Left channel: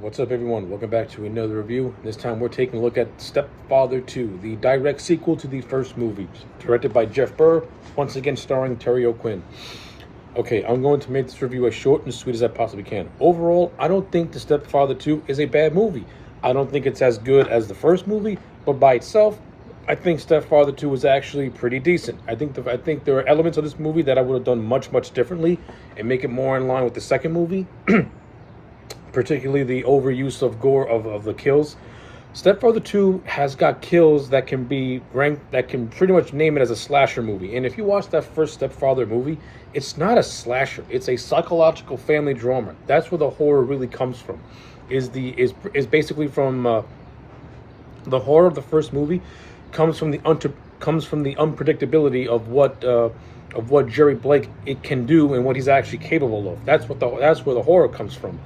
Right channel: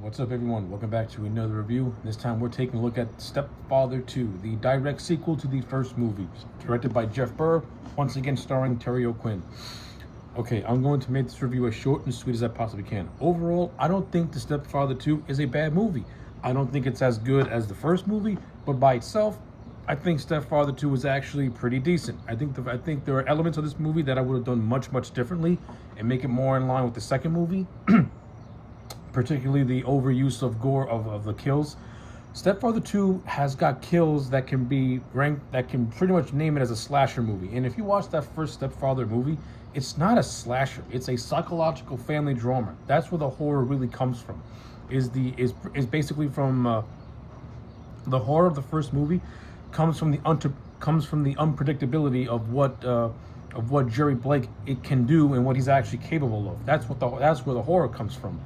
What's up, everyone? Welcome back to another review. This time we're taking a look at Stepfather 2, the direct sequel to the first movie, directed by Jeff Burr, once again starring Terry O'Quinn. Okay, I'm going to make this review as short and sweet as I possibly can. Overall, I don't think The Stepfather 2 is a bad movie. I don't think it's as good as the first movie, but by itself, I think Stepfather 2 was actually pretty decent. I think there are elements of this movie that I would have done much differently and make it more in line with the second movie. Particularly the overuse of gore of the kills. Stepfather 2 has got kills that can be ranked, that can pretty much name it as a slasher movie. And if you watch that first Stepfather movie, it's not a slasher. It's a psychological family drama. That's where the horror really comes from. Is basically from the horror of the first movie comes from the unpredictability of what Jerry Blake it can do and what he's actually capable of. That's where the horror comes from.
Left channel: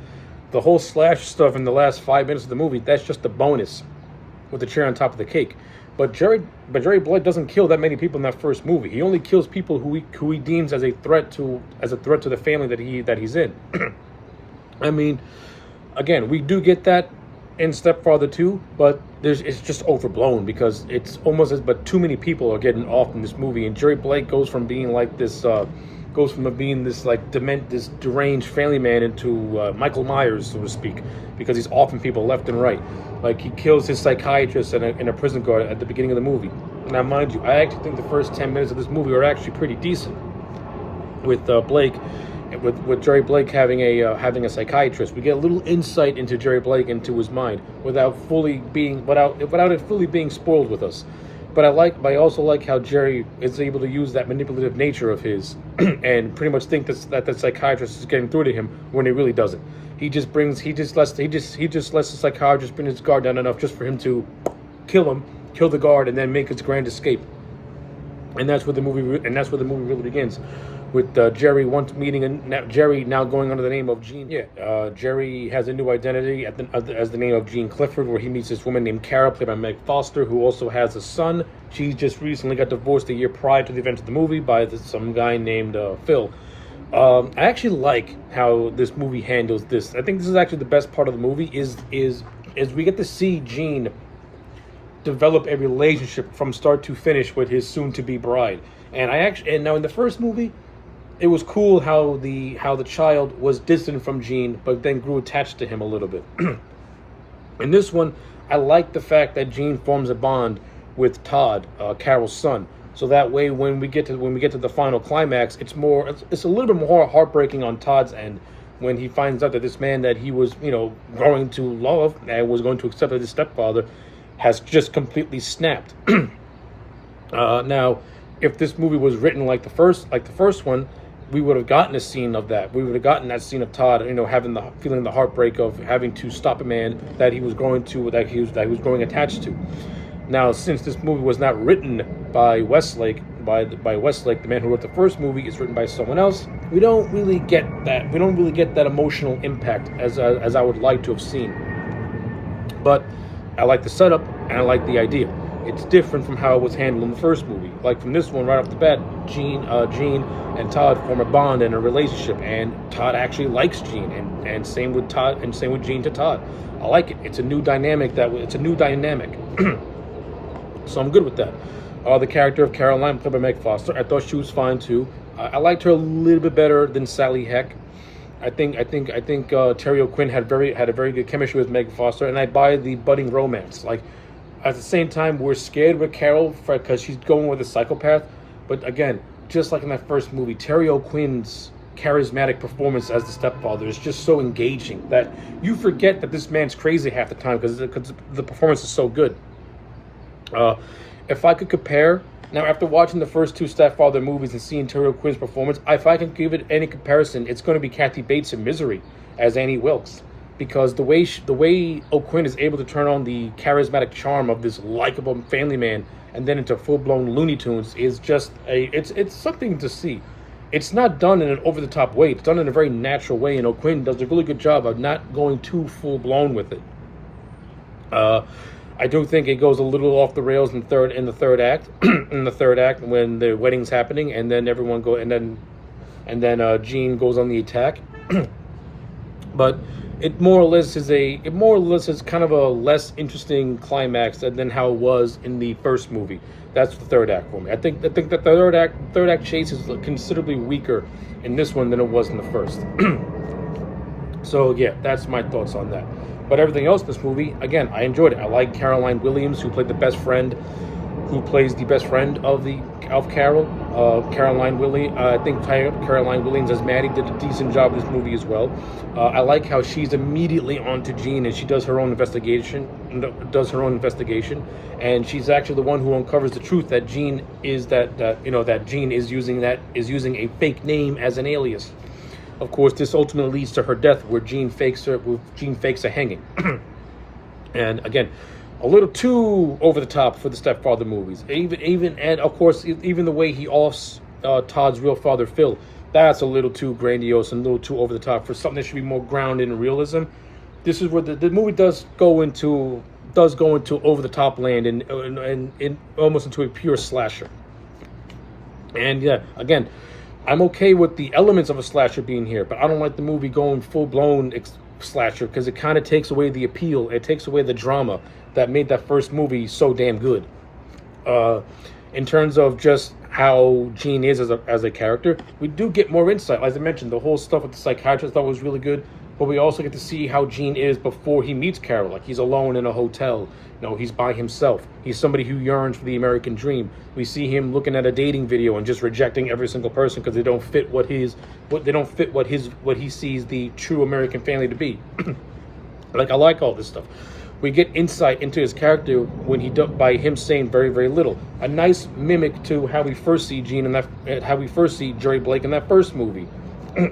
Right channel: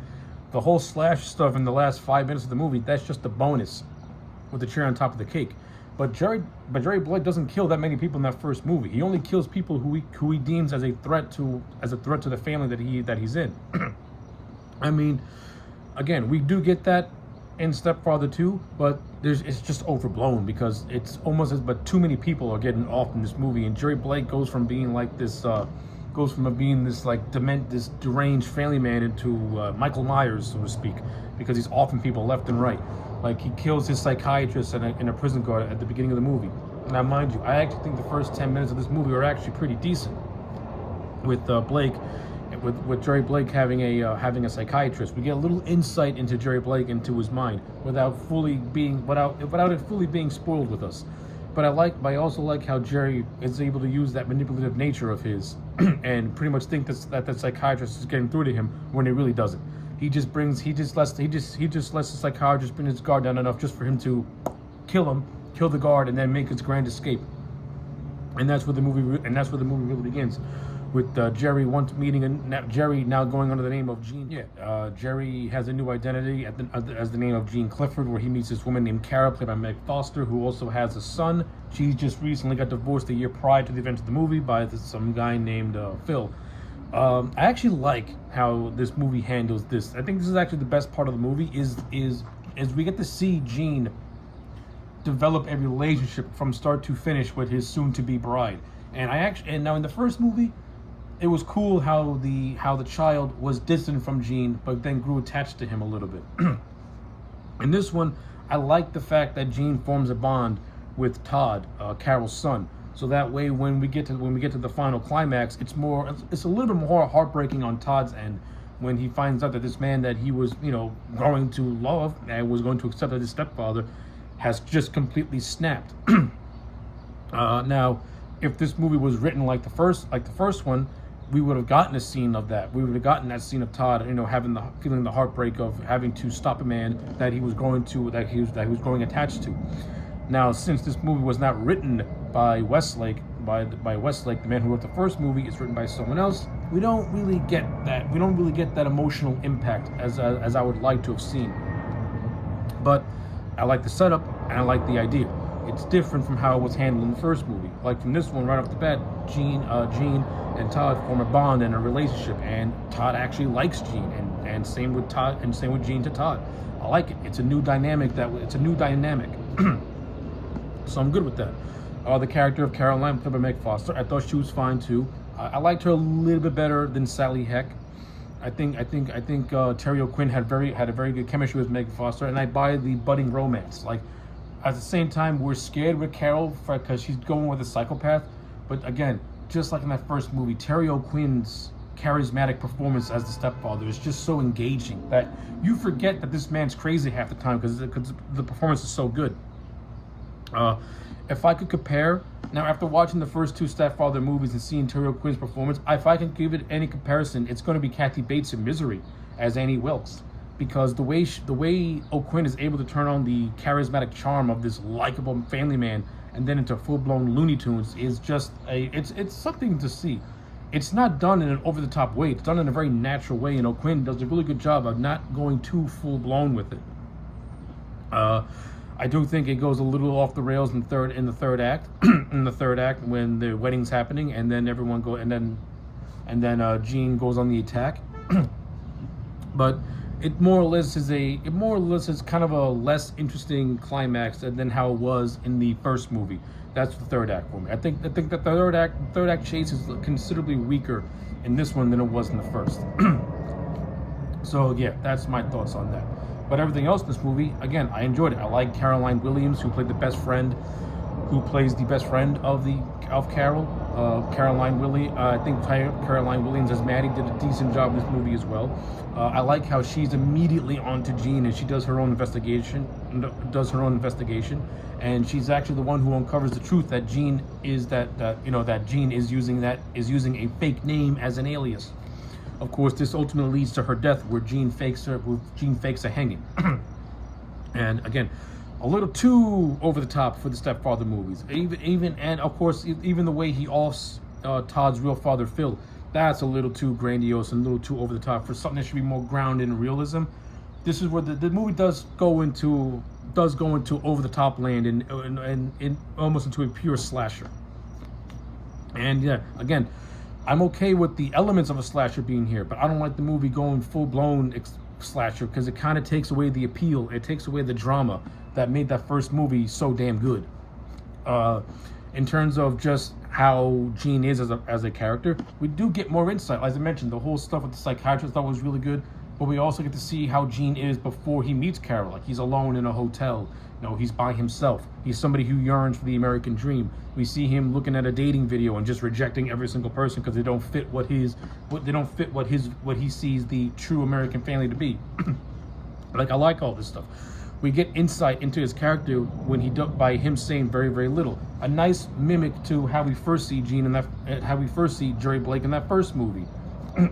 The whole slash stuff in the last 5 minutes of the movie, that's just a bonus with the cherry on top of the cake. But Jerry Blake doesn't kill that many people in that first movie. He only kills people who he deems as a threat to the family that he's in. I mean, again, we do get that in Stepfather 2, but it's just overblown because it's almost but too many people are getting off in this movie, and Jerry Blake goes from being like this this deranged family man into Michael Myers, so to speak, because he's offing people left and right. Like, he kills his psychiatrist and a prison guard at the beginning of the movie. Now, mind you, I actually think the first 10 minutes of this movie are actually pretty decent, with Blake, with Jerry Blake having a psychiatrist. We get a little insight into Jerry Blake, into his mind, without it fully being spoiled with us. But I also like how Jerry is able to use that manipulative nature of his and pretty much think that the psychiatrist is getting through to him when he really doesn't. He just lets the psychiatrist bring his guard down enough just for him to kill the guard, and then make his grand escape. And that's where the movie really begins, with Jerry once meeting Jerry now going under the name of Gene. Jerry has a new identity as the name of Gene Clifford, where he meets this woman named Carol, played by Meg Foster, who also has a son. She just recently got divorced a year prior to the event of the movie by some guy named Phil. I actually like how this movie handles this. I think this is actually the best part of the movie is we get to see Gene develop a relationship from start to finish with his soon-to-be bride. And now in the first movie, it was cool how the child was distant from Gene, but then grew attached to him a little bit. In this one, I like the fact that Gene forms a bond with Todd, Carol's son. So that way, when we get to the final climax, it's a little bit more heartbreaking on Todd's end, when he finds out that this man that he was growing to love and was going to accept as his stepfather has just completely snapped. Now, if this movie was written like the first one, we would have gotten a scene of that. We would have gotten that scene of Todd, feeling the heartbreak of having to stop a man that he was growing attached to. Now, since this movie was not written by Westlake, the man who wrote the first movie, is written by someone else, we don't really get that. We don't really get that emotional impact as I would like to have seen. But I like the setup and I like the idea. It's different from how it was handled in the first movie. Like, from this one, right off the bat, Gene and Todd form a bond and a relationship, and Todd actually likes Gene, and same with Gene to Todd. I like it. It's a new dynamic. So I'm good with that. The character of Caroline, played by Meg Foster, I thought she was fine too. I liked her a little bit better than Sally Heck. I think Terry O'Quinn had a very good chemistry with Meg Foster, and I buy the budding romance. Like, at the same time, we're scared with Carol because she's going with a psychopath. But again, just like in that first movie, Terry O'Quinn's charismatic performance as the stepfather is just so engaging that you forget that this man's crazy half the time because the performance is so good. If I could compare, now after watching the first two Stepfather movies and seeing Terry O'Quinn's performance, if I can give it any comparison, it's going to be Kathy Bates in Misery as Annie Wilkes. Because the way O'Quinn is able to turn on the charismatic charm of this likable family man and then into full-blown Looney Tunes is just it's something to see. It's not done in an over-the-top way. It's done in a very natural way, and O'Quinn does a really good job of not going too full-blown with it. I do think it goes a little off the rails in the third act. In the third act, when the wedding's happening, and then Gene goes on the attack. But it more or less is kind of a less interesting climax than how it was in the first movie. That's the third act for me. I think that the third act chase is considerably weaker in this one than it was in the first. So yeah, that's my thoughts on that. But everything else in this movie, again, I enjoyed it. I like Caroline Williams, who played the best friend, who plays the best friend of Carol. Caroline Williams, I think Caroline Williams as Maddie did a decent job in this movie as well. I like how she's immediately onto Jean and she does her own investigation. And she's actually the one who uncovers the truth that Jean is that Jean is using a fake name as an alias. Of course, this ultimately leads to her death, where Jean fakes a hanging. And again, a little too over the top for the Stepfather movies. And of course, even the way he offs Todd's real father, Phil, that's a little too grandiose and a little too over the top for something that should be more grounded in realism. This is where the movie does go into over the top land and almost into a pure slasher. And yeah, again, I'm okay with the elements of a slasher being here, but I don't like the movie going full-blown slasher because it kind of takes away the appeal. It takes away the drama that made that first movie so damn good. In terms of just how Jean is as a character, we do get more insight. As I mentioned, the whole stuff with the psychiatrist I thought was really good, but we also get to see how Jean is before he meets Carol. Like, he's alone in a hotel. He's by himself. He's somebody who yearns for the American dream. We see him looking at a dating video and just rejecting every single person because they don't fit what he sees the true American family to be. Like, I like all this stuff. We get insight into his character by him saying very, very little. A nice mimic to how we first see how we first see Jerry Blake in that first movie,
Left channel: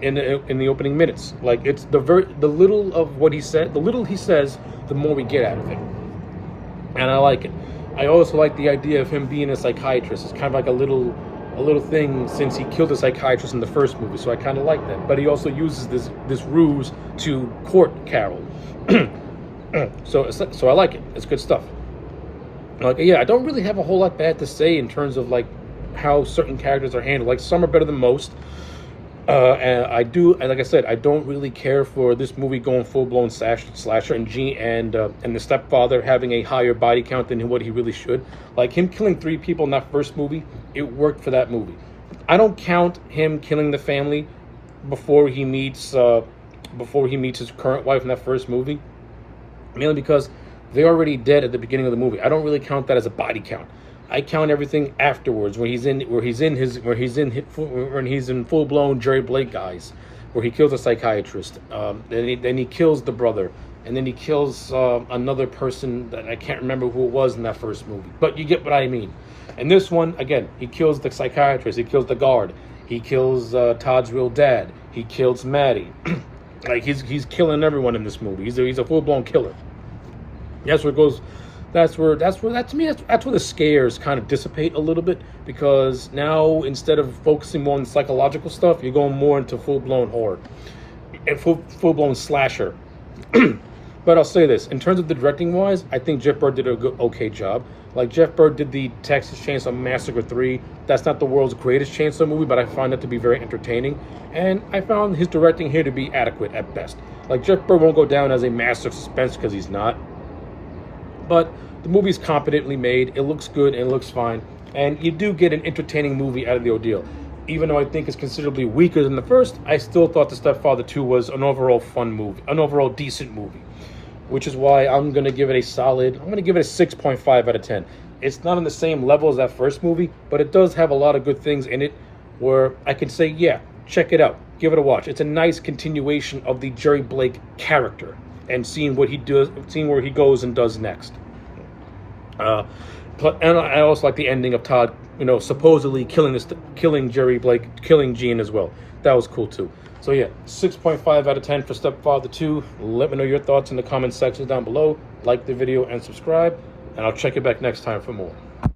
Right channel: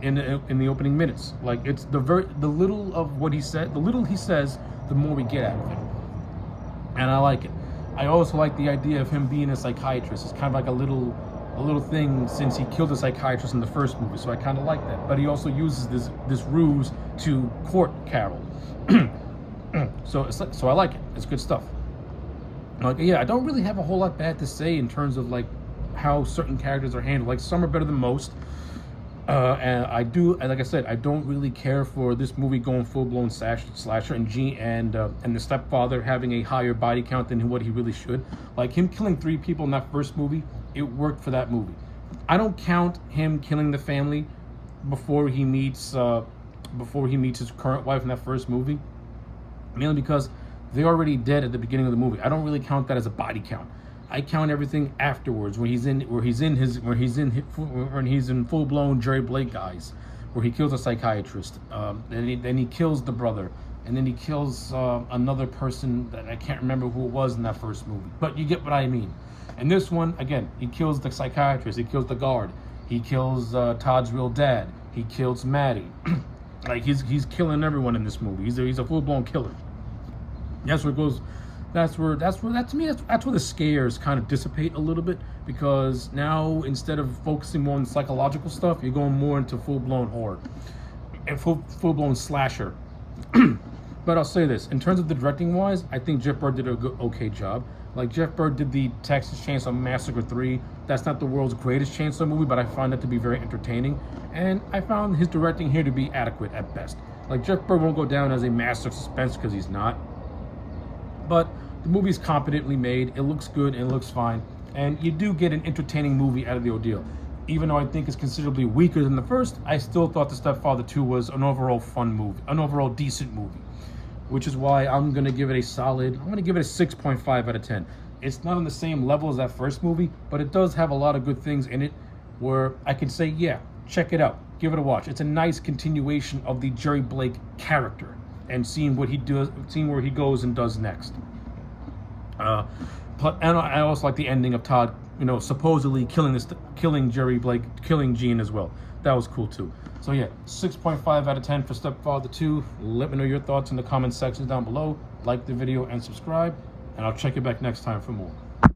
in the opening minutes. Like, it's the little of what he said, the little he says, the more we get out of it. And I like it. I also like the idea of him being a psychiatrist. It's kind of like a little thing since he killed a psychiatrist in the first movie, so I kind of like that. But he also uses this ruse to court Carol. So I like it. It's good stuff. Like, yeah, I don't really have a whole lot bad to say in terms of like how certain characters are handled. Like, some are better than most. And like I said, I don't really care for this movie going full-blown slasher and the Stepfather having a higher body count than what he really should. Like, him killing 3 people in that first movie, it worked for that movie. I don't count him killing the family before he meets his current wife in that first movie, mainly because they're already dead at the beginning of the movie. I don't really count that as a body count. I count everything afterwards, when he's in full-blown Jerry Blake guys, where he kills a psychiatrist, then he kills the brother, and then he kills another person that I can't remember who it was in that first movie. But you get what I mean. And this one, again, he kills the psychiatrist, he kills the guard, he kills Todd's real dad, he kills Maddie. Like, he's killing everyone in this movie. He's a full-blown killer. That's where it goes. That's where the scares kind of dissipate a little bit, because now, instead of focusing more on psychological stuff, you're going more into full-blown horror and full-blown slasher. But I'll say this, in terms of the directing wise, I think Jeff Bird did a okay job. Like, Jeff Bird did the Texas Chainsaw Massacre 3. That's not the world's greatest chainsaw movie, but I found it to be very entertaining, and I found his directing here to be adequate at best. Like, Jeff Bird won't go down as a master of suspense, because he's not. But the movie's competently made, it looks good, and it looks fine, and you do get an entertaining movie out of the ordeal. Even though I think it's considerably weaker than the first, I still thought The Stepfather 2 was an overall fun movie, an overall decent movie, which is why I'm going to give it a 6.5 out of 10. It's not on the same level as that first movie, but it does have a lot of good things in it where I can say, yeah, check it out, give it a watch. It's a nice continuation of the Jerry Blake character, and seeing what he does, seeing where he goes and does next. And I also like the ending of Todd, supposedly killing Jerry Blake, killing Jean as well. That was cool too. So yeah, 6.5 out of 10 for Stepfather 2. Let me know your thoughts in the comment section down below. Like the video and subscribe, and I'll check you back next time for more.